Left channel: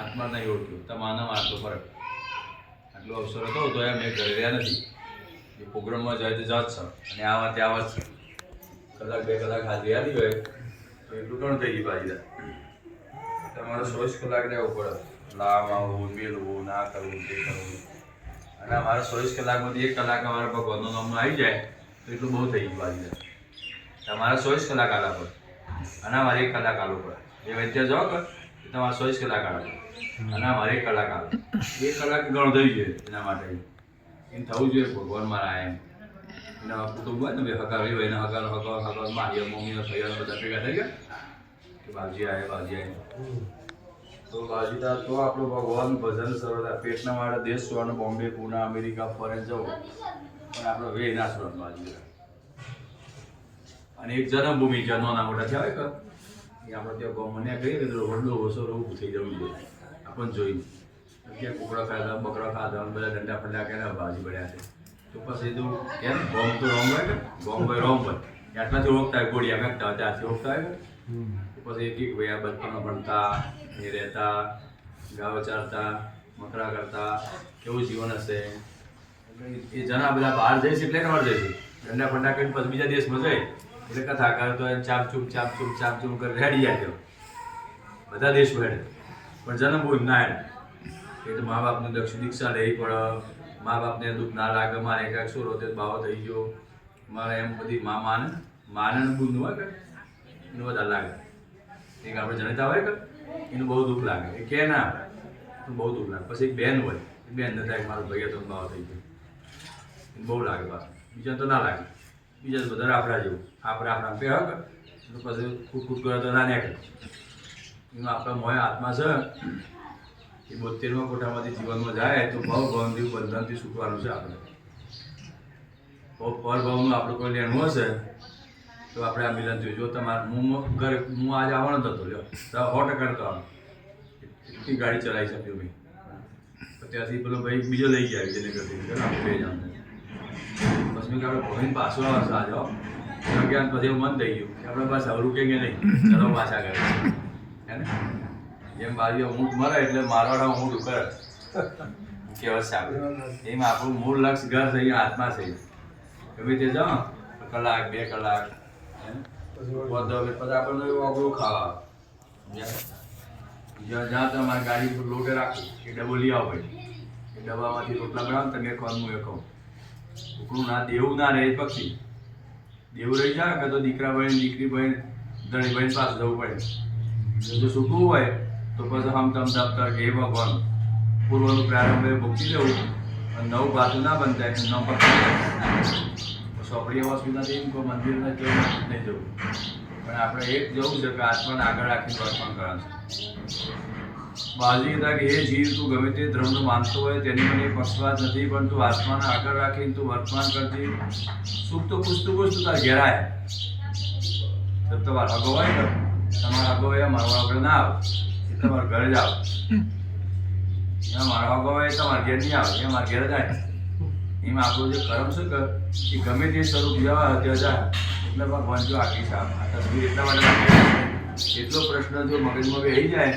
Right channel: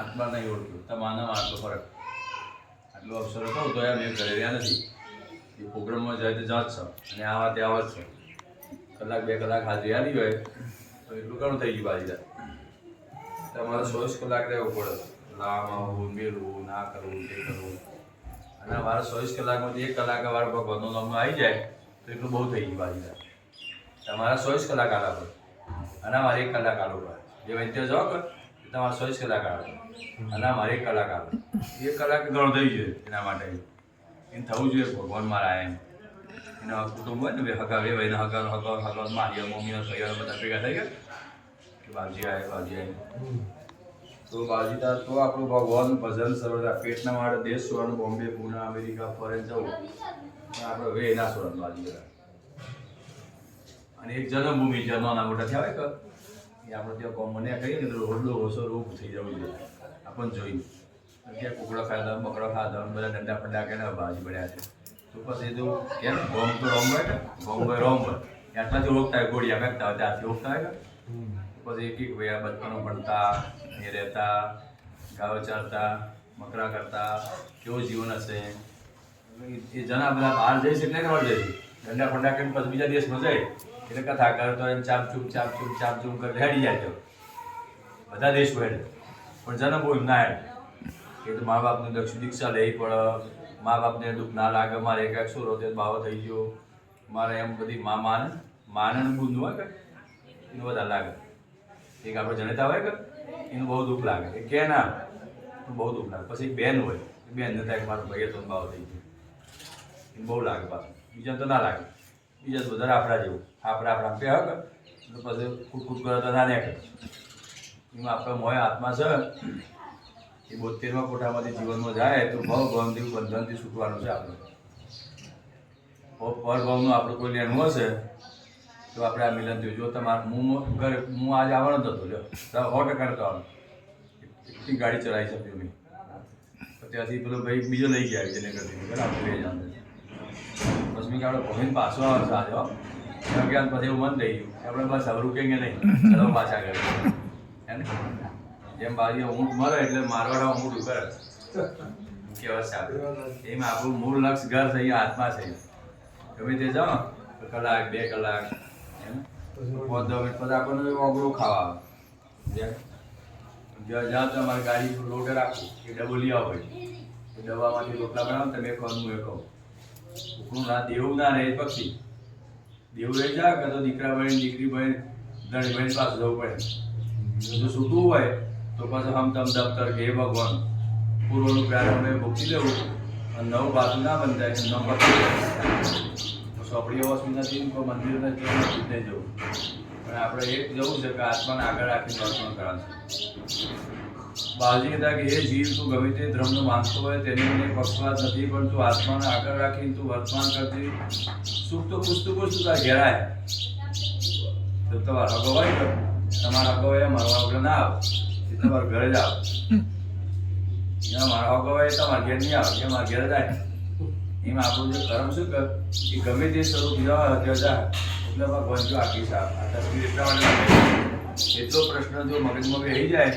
આત્મા નહીં ઓળખ્યો. તમારા આટલો ફરક, આટલો અવસર હતો તો એમ એ ઘરે રહ્યા નથી. એ પ્રોગ્રામમાં જાય તો જાત છે અને આવા ત્યાં આવત છે. કલાક 2 કલાક હાજરી આવી હોય તો એટલું ઘણું થઈ ગયું બાજીદાર. તમારે 24 કલાક રહેવું પડે. લામ આવવું, મેળવું, ના કરવું, તે કરવું. અને અમારે 24 કલાકમાંથી 1 કલાક અમારા ભગવાનનું નામનું આવી જાય તો એટલું બહુ થઈ ગયું બાજીદાર. તમારે 24 કલાક આલા પડે અને અમારે 1 કલાક આલવું પડે. એ વૈદ્ય જાઓ કે તમારે 24 કલાક આલા પડે અને અમારે 1 કલાક આલો. 1 કલાક ઘણું થઈ જોઈએ એના માટે. એમ થવું જોઈએ ભગવાન મારા એમ. એના કુટુંબ હોય ને હગાવે ભાઈને હગાવ મારીઓ મમ્મીઓ ભાઈઓ બધા ભેગા થઈ ગયા કે બાજી આવે બાજી આવે તો બાજીતા તો આપણું ભગવાન ભજન સરળ. પેટના માટે દેશ છોડવાનું, બોમ્બે, પુણે, અમેરિકા ફરે જવું પણ આપણે હવે ના છોડવાનું બાજીતા. અને એક જન્મભૂમિ જ્યાં નાના મોટા થયા હોય કે એ આપણે ત્યાં ગમને કહીએ ને તો રોડલું ઓછો ઊભું થઈ જવું જોઈએ આપણને જોઈને. ક્યાં કુકડો ખાધા, બકરો ખાધો, બધા દંડા ફંડા કે બાજી પડ્યા છે તો પછી તો કેમ ગોમ તો રોમ હોય કે ગોમ હોય રોમ હોય આટલાથી ઓળખતા હોય. ગોળિયા મેકતા હોય ત્યારથી ઓળખતા હોય તો પછી એક ભાઈ આ બચપણમાં ભણતા, એ રહેતા, ગાવ ચારતા, મકરા કરતા, કેવું જીવન હશે. એટલે એ જણા બધા બહાર જાય છે એટલે બહાર જાય છે દંડા ફંડા કરીને પછી બીજા દેશમાં જાય એટલે કથા કરે તો એમ ચાપચૂપ કરી રેડી જાય તો બધા દેશમાં હેડે પણ જન્મભૂમિ ના હેડે. એ તો મા બાપને દીક્ષા લેવી પડે, મા બાપને દુઃખ ના લાગે. મારે એક શું રોતે બાવો થઈ ગયો મારે એમ બધી માને બુદ્ધ હોય કે એનું વધારે લાગે. એક આપણે જનેતા હોય કે એનું બહુ દુઃખ લાગે. એ કે ના તો બહુ દુઃખ લાગે. પછી એક બેન હોય એ બેન ને થાય મારો ભાઈ હતો બાવો થઈ ગયો એને બહુ લાગે. પાછું બીજા તો ના લાગે. બીજા બધા રાફડા જેવું આપણા પે હક પછી કૂટ કરે તો ના નીકળે. એમાં આપણા મોય આત્મા છે એ 72મા કોઠામાંથી જીવનમાં જાય તો ભવભવથી બંધનથી છૂટવાનું છે આપણે. પરભવનું આપણું કોઈ લેણું હશે તો આપણે આ મિલન થયું. જો તમારે હું આજે આવવાનો જ હતો લ્યો 100% નતો આવવાનો. એટલી ગાડી ચલાવી શક્યો મેં. ત્યાંથી પેલો ભાઈ બીજો લઈ ગયા જેને કરતી આપણે 2 જણ. બસ મેં કે આપણે ભવીને પાછો આવશે આજે અગિયાર પછી એવું મન થઈ ગયું આપણે બસ હવે રૂકેંગે નહીં, ચલો પાછા કરે હે ને. જેમ બાજુ ઊંટ મરે એટલે મારવાડા ઊંટ કરે કહેવત છે આપણે. એમાં આપણું મૂળ લક્ષ્ય ઘર થઈ આત્મા થઈ. ગમે તે જાઓ કલાક 2 કલાક હે ને 5-10 મિનિટ પછી આપણને અઘરું ખાવા જ્યાં તમારી ગાડી પર લોટે રાખવું એ ડબ્બો લઈ આવો ભાઈ. એ ડબ્બામાંથી રોટલા બનાવો તમે એક વાર હું એ કહું ઉકળું ના દેવું ના રહે પક્ષી દેવું રહી જાય કે તો દીકરા બહેન દીકરી બહેન ધણી બહેન પાસે જવું પડે. જો સૂકવું હોય તો પછી હમ તમ દફતર કે એ ભગવાન પૂર્વનું પ્રારંભ ભૂકી દેવું અને નવું પાછું ના બંધાય ન પકડી સોપડી વસ્તુ નથી મંદિર નથી નહીં જવું પણ આપણે એક જવું છે કે આત્માને આગળ રાખીને વર્તમાન કરવાનું છે. બાજી હતા કે એ જીવ તું ગમે તે ધર્મનો માનતો હોય તેની મને પક્ષપાત નથી પણ તું આત્માને આગળ રાખીને તું વર્તમાન કરતી સુખ તો પૂછતું તાર ઘેરાય. તમારે હગો હોય ને તમારા હગો હોય મારો આપણે ના આવે એ તમારા ઘરે જ આવે. જ્યાં મારો હગો હોય તમારા ઘેર નહીં આવે એ મારા ઘેર જ આવે. એમાં આપણું જે કર્મ શું કર એ ગમે તે સ્વરૂપ જવા તે જાય એટલે ભગવાન જો આખી સાફ આ તસવીર એટલા માટે એટલો પ્રશ્ન જો મગજમાં બેસી જાય